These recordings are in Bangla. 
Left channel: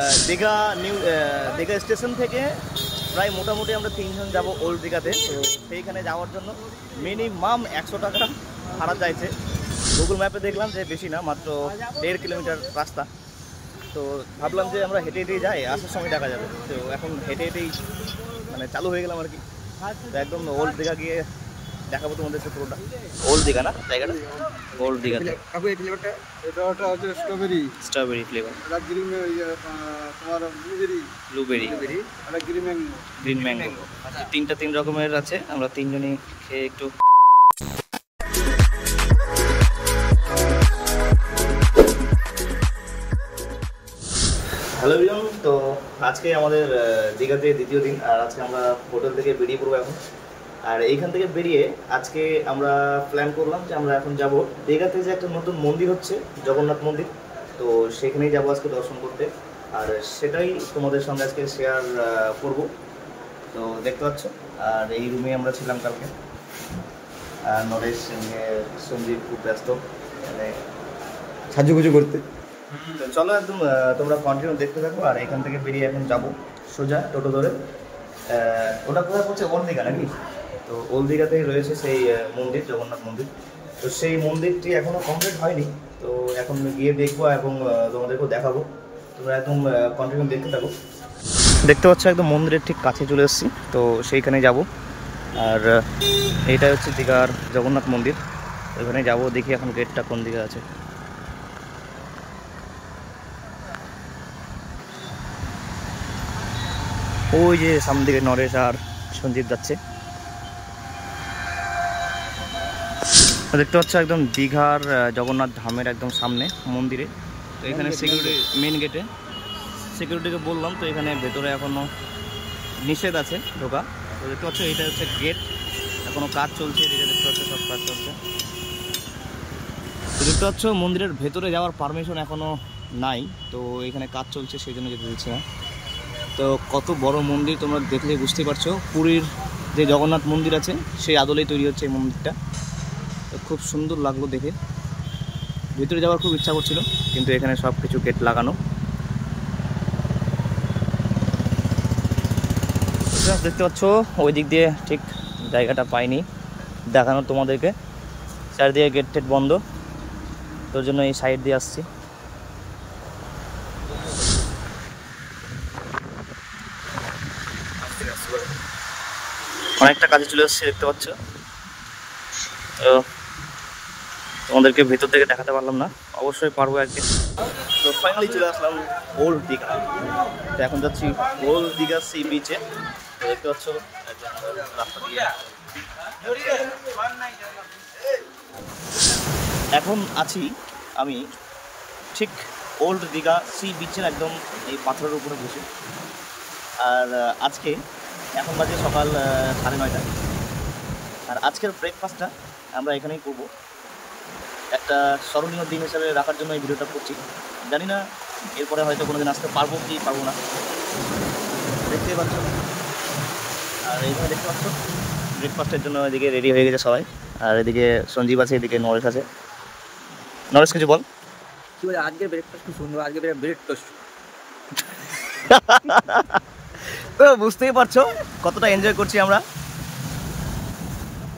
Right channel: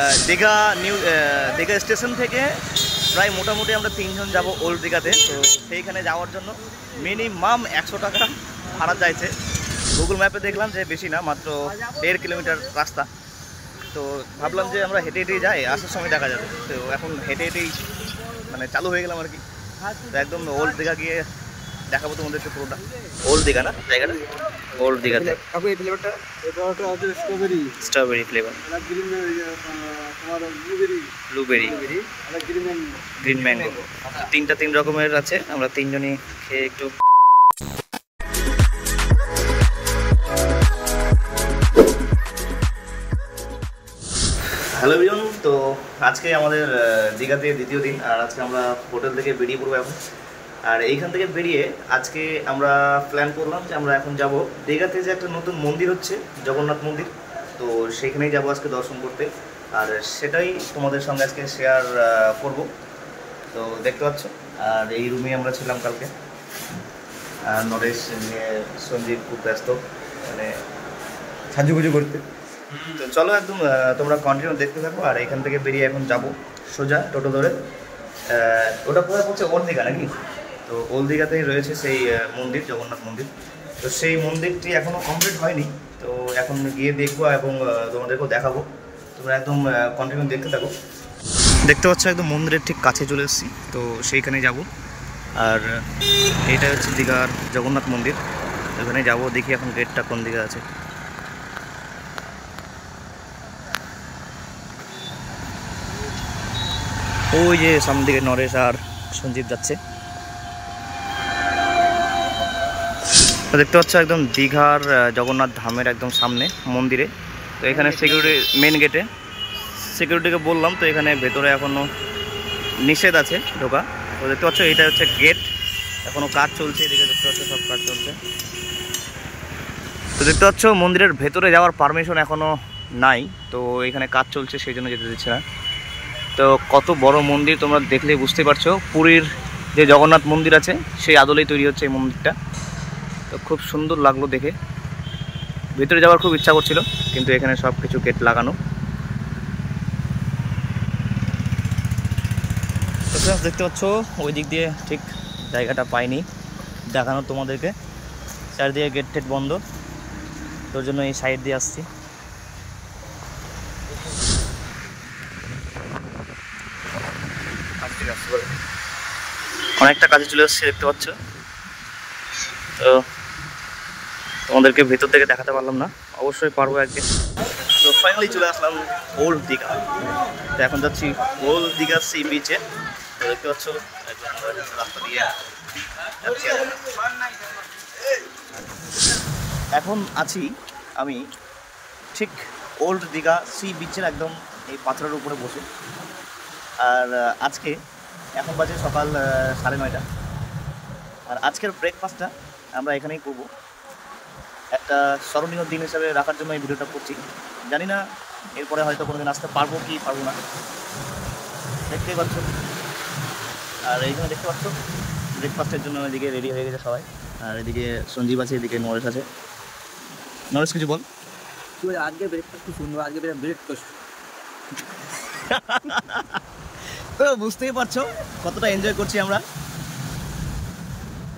দীঘা দীঘা স্টেশন থেকে প্রায় মোটামুটি আমরা 3 জন যাব ওল্ড দীঘাতে। তো সেইখানে যাওয়ার জন্য মিনিমাম 100 টাকা ভাড়া চাইছে। গুগল ম্যাপে দেখলাম যে বেশি না, মাত্র 1.5 কিলোমিটার রাস্তা। তো ভাবলাম যে আমরা হেঁটে হেঁটেই যাই, আসার সময় দেখা যাবে। তো এখন হেঁটে হেঁটেই মানে চালু হয়ে গেলাম আর কি। তো একদম ওল্ড দীঘা গিয়ে দেখাবো তোমাদেরকে পুরোটা। ওল্ড দীঘা না জায়গাটা, ওল্ড দীঘাতে। Strawberry flavour, blueberry, green mango, 3 রকমের আছে। আমরা 3 জনই খেয়ে একটু হ্যালো এভরিওয়ান। তো আজকে আমাদের দীঘাতে দ্বিতীয় দিন, আর আজকে আমরা হোটেল থেকে বেরিয়ে পড়বো এখন। আর এইখান থেকে বেরিয়ে আজকে আমরা প্ল্যান করলাম যে আমরা এখন যাব দীঘাতে যে একটা নতুন মন্দির হচ্ছে, জগন্নাথ মন্দির। তো সেখানেই যাব আজকে দর্শন করতে, আর সেটাই তোমাদের সঙ্গে আজকে শেয়ার করব। তো দেখতে পাচ্ছ, আর এই রুমে আমরা ছিলাম কালকে। আর নরেশ সঞ্জীব খুব ব্যস্ত মানে সাজুগুজু করতে। তো চলো একদম তোমরা কন্টিনিউ দেখতে থাকো। আর এখান থেকে বেরিয়ে এখন যাব সোজা টোটো ধরে। ওটা কোথায় পড়ছে, ওল্ড দীঘা নাকি? তো ওল্ড দীঘাতেই রয়েছে সেই মন্দির, জগন্নাথ মন্দির। তো সেই মন্দিরটি এখনও কমপ্লিট হয়নি, তো এখন গিয়ে দেখবো এবং তোমাদেরকেও দেখাবো। তোমরা একদম কন্টিনিউ দেখতে থাকো। দেখতে পাচ্ছ একদম মন্দিরের ঠিক কাছে চলে এসেছি, তো সেইখানে যাব। আর এইটা হচ্ছে দীঘার জগন্নাথ মন্দির, ওখানে যাব। দেখি এখন গেটটা কোন দিকে আছে। ওই যে সামনের দিকে নরেশ আর সঞ্জীব যাচ্ছে। দেখতে পাচ্ছ একদম দীঘার জগন্নাথ ধামের একদম সামনে মন্দিরে। তো এখানে সিকিউরিটি, মেন গেটে সিকিউরিটিকে বললাম, তো এখানে ভেতরে এখনও নিষেধ আছে ঢোকা। তো দেখতে পাচ্ছ এটা হচ্ছে গেট, এখনও কাজ চলছে। এদিকে দেখতে পাচ্ছ সব কাজ চলছে। তো দেখতে পাচ্ছ মন্দিরের ভেতরে যাওয়ার পারমিশন এখনও নাই, তো এখানে কাজ চলছে সেই জন্য যেতে দিচ্ছে না। তো কত বড় মন্দির তোমরা দেখলেই বুঝতে পারছো। পুরীর যে জগন্নাথ মন্দির আছে সেই আদলেই তৈরি হচ্ছে এই মন্দিরটা। তো খুব সুন্দর লাগলো দেখে, ভিতরে যাওয়ার খুব ইচ্ছা করছিল, কিন্তু এখানে সব কিছু গেট লাগানো। দেখতে পাচ্ছ ওই দিক দিয়ে ঠিক জায়গাটা পাইনি দেখানো তোমাদেরকে, চারদিকে গেট টেট বন্ধ, তোর জন্য এই সাইড দিয়ে আসছি। অনেকটা কাজে চলে আসছে দেখতে পাচ্ছ। তো তোমাদেরকে ভেতর থেকে দেখাতে পারলাম না, অবশ্যই পারবো একদিন। তো ফাইনালি চলে আসলাম ওল্ড দীঘা। তো এখন যাচ্ছি ওল্ড দীঘা সি বিচে। তো দেখতে পাচ্ছ একদম রাস্তা দিয়ে যাচ্ছি। এখন আছি আমি ঠিক ওল্ড দীঘা সি বিচের একদম এই পাথরের উপরে বসে। আর আজকে এখন বাজে সকাল 9:30। আর আজকের ব্রেকফাস্টটা আমরা এখানেই করব। একটা স্মরণীয় দিন হিসাবে রাখার জন্য এই ভিডিওটা করছি। জানি না এরপরে হয়তো কোনোদিন আসতে পারবো কি পারবো না, দেখতেই পাচ্ছ। আর এইখানে দেখতে পাচ্ছ ব্রেকফাস্টের জন্য এদিকে রেডি হয়ে গেছে সবাই। আর এদিকে সঞ্জীব আছে, এদিকে নরেশ আছে। নরেশ কিছু বল। কি বলে, আজকে ব্রেকফাস্ট খুব সুন্দর, আজকে ব্রেকফাস্ট। তো বুঝতেই পারছো কতটা এনজয় করছি আমরা।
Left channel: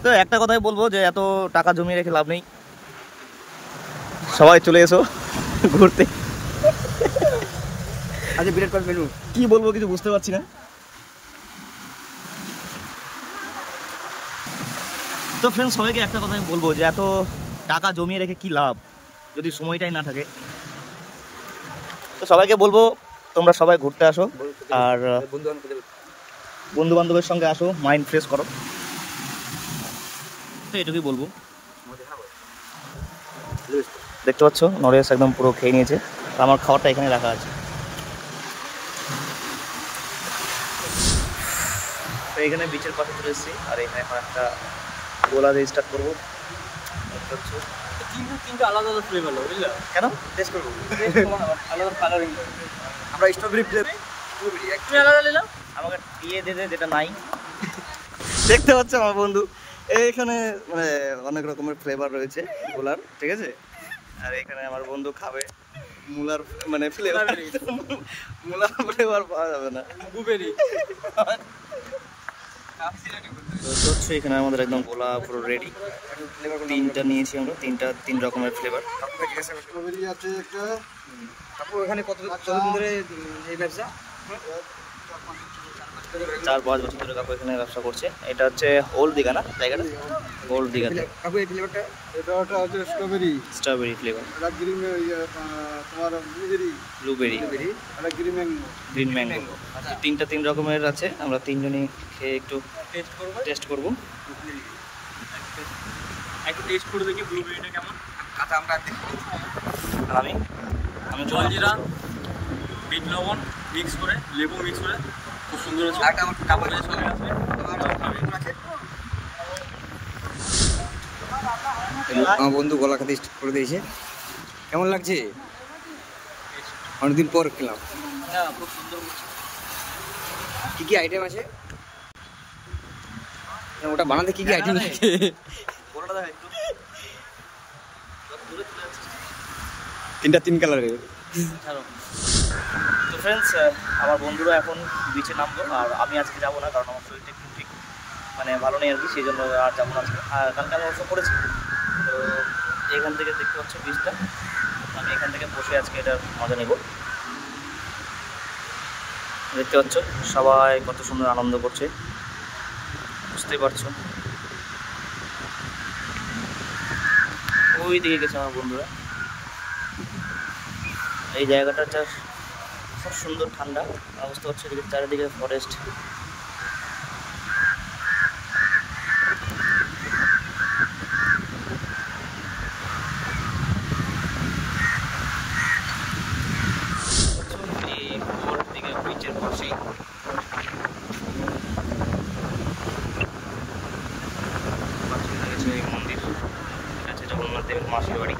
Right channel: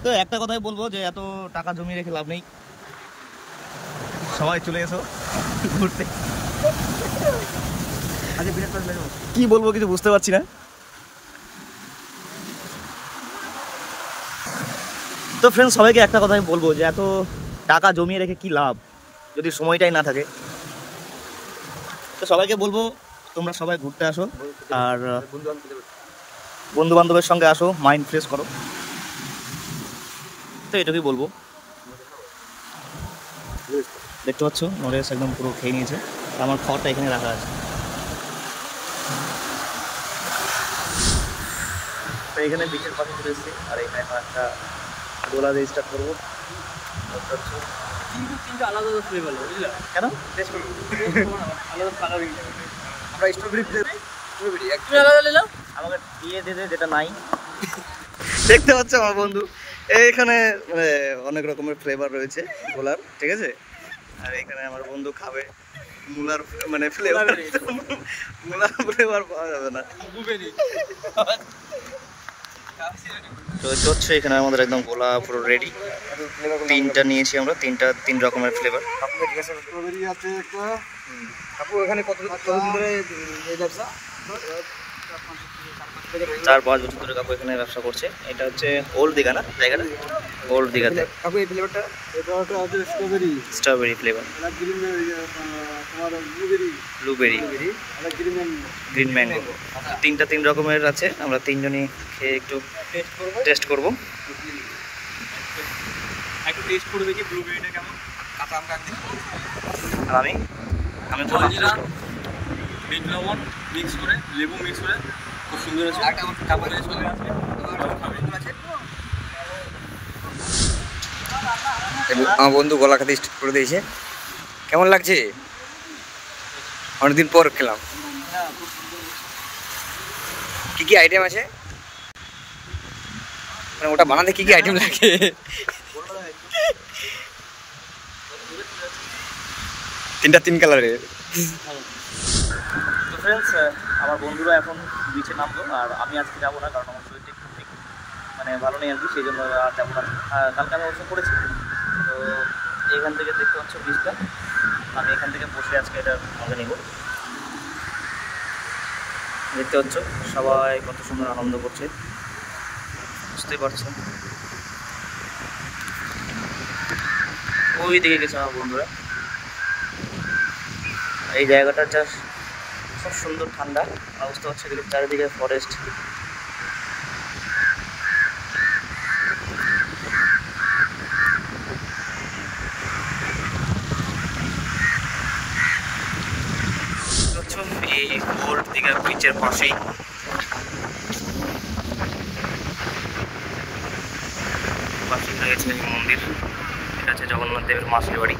তো একটা কথাই বলবো যে এত টাকা জমিয়ে রেখে লাভ নেই, সবাই চলে এসো ঘুরতে। আজকে ব্রেকফাস্ট মেনু কি বলবো কিছু বুঝতে পারছি না। তো ফ্রেন্ডস, সবাইকে একটা কথাই বলবো যে এত টাকা জমিয়ে রেখে কি লাভ যদি সময়টাই না থাকে। তো সবাইকে বলবো তোমরা সবাই ঘুরতে আসো, আর বন্ধু বান্ধবের সঙ্গে আসো, মাইন্ড ফ্রেশ করো। তো এটুকুই বলবো। দেখতে পাচ্ছ নরেশ একদম পুরো খেয়ে নিয়েছে, আমার খাবারটা এখানে রাখা আছে। তো এখানে বিচের পাশে চলে এসেছি, আর এখানে এখন একটা গোলা দিয়ে স্টার্ট করবো। আলাদা ফ্লেভার হলো, বুঝলা? কেন টেস্ট করবো আলাদা কালারিং। আমরা স্ট্রবেরি ফ্লেভার একটু আলাদা নিলাম, আমাকে দিয়ে দে যেটা নাই। দেখতে পাচ্ছ আমার বন্ধু এইখানে মানে অনেক রকমের ফ্লেভার রয়েছে গোলার, ঠিক আছে। আর এখানে আমার বন্ধু খাবে মুলার মানে ফ্লেভার, মুলার ফ্লেভার পাওয়া যাবে না। তো চলছে এখানে আমাদের একদম গোলা পুরো রেডি। তিনটা নিয়েছি আমরা, তিন রকমের ফ্লেভার। স্ট্রবেরি আছে একটা। আপু এখানে কতদিন ধরে এই ব্যবসা? 4-5 বছর ধরে কাকু এখানে ব্যবসা করছে। এটা হচ্ছে ওল্ড দীঘা না জায়গাটা? ওল্ড দীঘাতে। আপু এই ফ্লেভারটা এটা ওটা আছে স্ট্রবেরি ফ্লেভার, এটা গ্রিন, তোমার ব্লুবেরি, ব্লুবেরি, এটা গ্রিন ম্যাঙ্গো। তিনটা 3 রকমের আছে। আমরা তিনজনই খেয়ে একটু টেস্ট করব। একটু টেস্ট করে দেখি ব্লুবেরিটা কেমন। কাঁচা আমরা আর আমি জলজিরা বিট লবণ মিক্স করে, লেবু মিক্স করে খুব সুন্দর আছে। একটা আমার কাপড় আছে, সঙ্গে আছে আছে। আমার বন্ধু গলা খাতে স্টার্ট করে দিয়েছে। কেমন লাগছে? অনেকদিন পর খেলাম। হ্যাঁ খুব সুন্দর। কি কি আইটেম আছে? মানে ওটা বানাতে কি কি আইটেম লাগে? তিনটা 3 কালারের। তো ফ্রেন্ডস, আমার বন্ধুরা এখন বিচে নামলো, আর আমি আজকে যাবো না, কারণ আমার শরীরটা একটু ঠিক মানে ভালো নেই আর কি, সেই জন্য আর যাবো না আজকে। আর কালকে আমি অবশ্য করেছি। তো এখান থেকে দেখতে পাচ্ছ বিচটা, আমি এখান থেকে বসে আজকে এটার মজা নিব। দেখতে পাচ্ছ সবাই কত সুন্দর আনন্দ করছে, বুঝতেই পারছো। ওই দিকে গেছে আমার বন্ধুরা। এই জায়গাটা জাস্ট খুব সুন্দর, ঠান্ডা। বুঝতে পারছি এদিকে চারিদিকে ফরেস্ট। এই ওল্ড দীঘা বিচের পাশেই রয়েছে এই মন্দির। এটা হচ্ছে জগন্নাথ দেবের মাসির বাড়ি।